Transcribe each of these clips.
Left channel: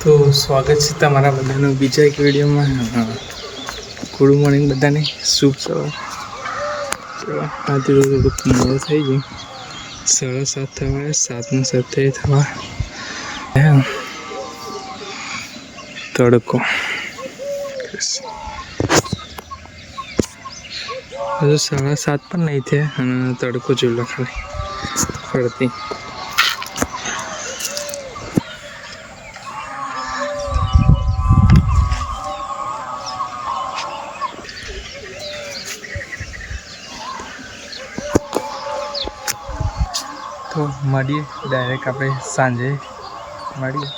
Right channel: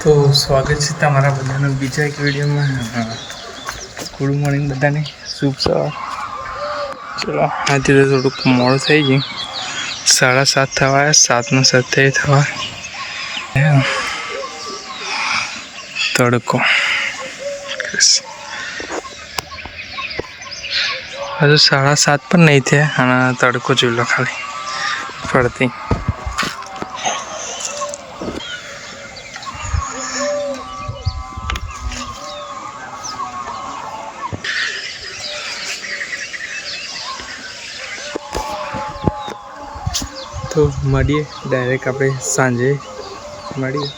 તો સ્વાગત છે તમારા બધાનું બીજા એક વિડીયોમાં. ગુડ મોર્નિંગ બધાને, શુભ સવાર. ચલો આજે તો થોડુંક મોડું થઈ ગયું, 7:30 થવા, 7:07 થવા. તડકો હજુ 7:30 પણ નહીં થયા અને તડકો જોઈ લો ખાલી પડતી. તો મળીએ ડાયરેક્ટ આપણે સાંજે મળીએ.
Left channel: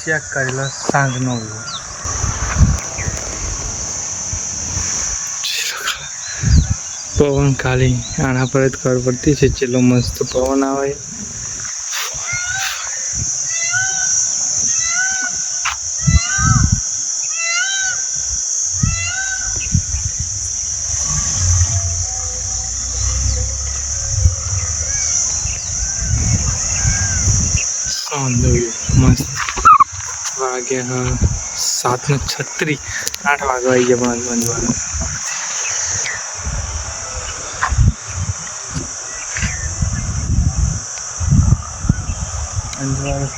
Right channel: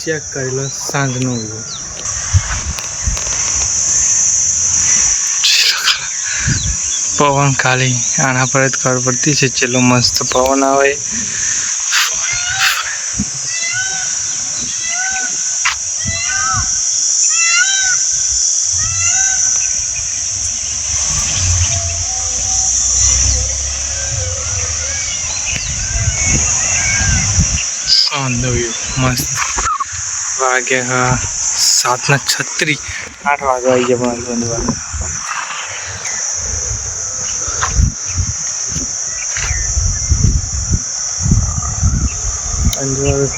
ચેક કરી લો સાંજનો વ્યૂ. પવન ખાલી આના પર જ ખબર પડતી છે ચેટલો મસ્ત પવન આવે. સાંજનો વ્યૂ મસ્ત. વાગ્યા 7:36, 8 વાગવા આવી ગયા પણ બંધવાનું. અંજવાળું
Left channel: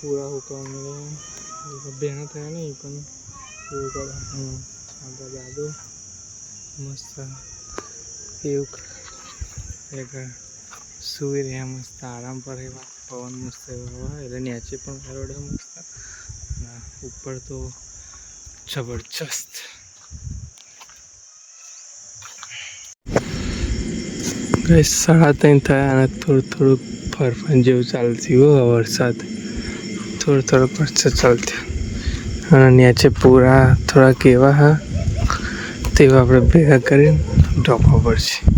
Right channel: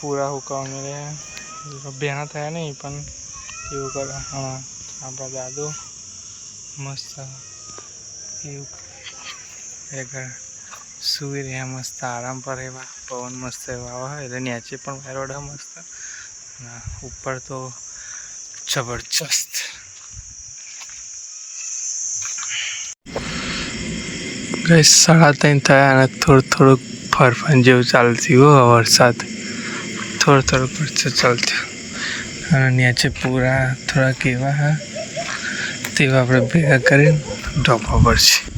પૂરા હુકાવા મળે. બેના થયા નહીં પણ એવું કરે. હા, આપણા દાદુ મસ્ત એવું સુઈ રહ્યા, મસ્ત આરામ પર એવા. પવન મસ્ત એવા આવે એટલે નીચે પણ વેરોડા મસ્ત, ઉપર તો જબરજસ્ત. ગઈ 3:30 થયા અને થોડુંક ફરફન જેવું ચાલતી હોય. વરસાદ થોડોક વરસાદ ચાલતી અને નીચે પૂરા થોડાક એવા હા તેવા આપણે ભેગા કરીને ઢોકવા પડશે.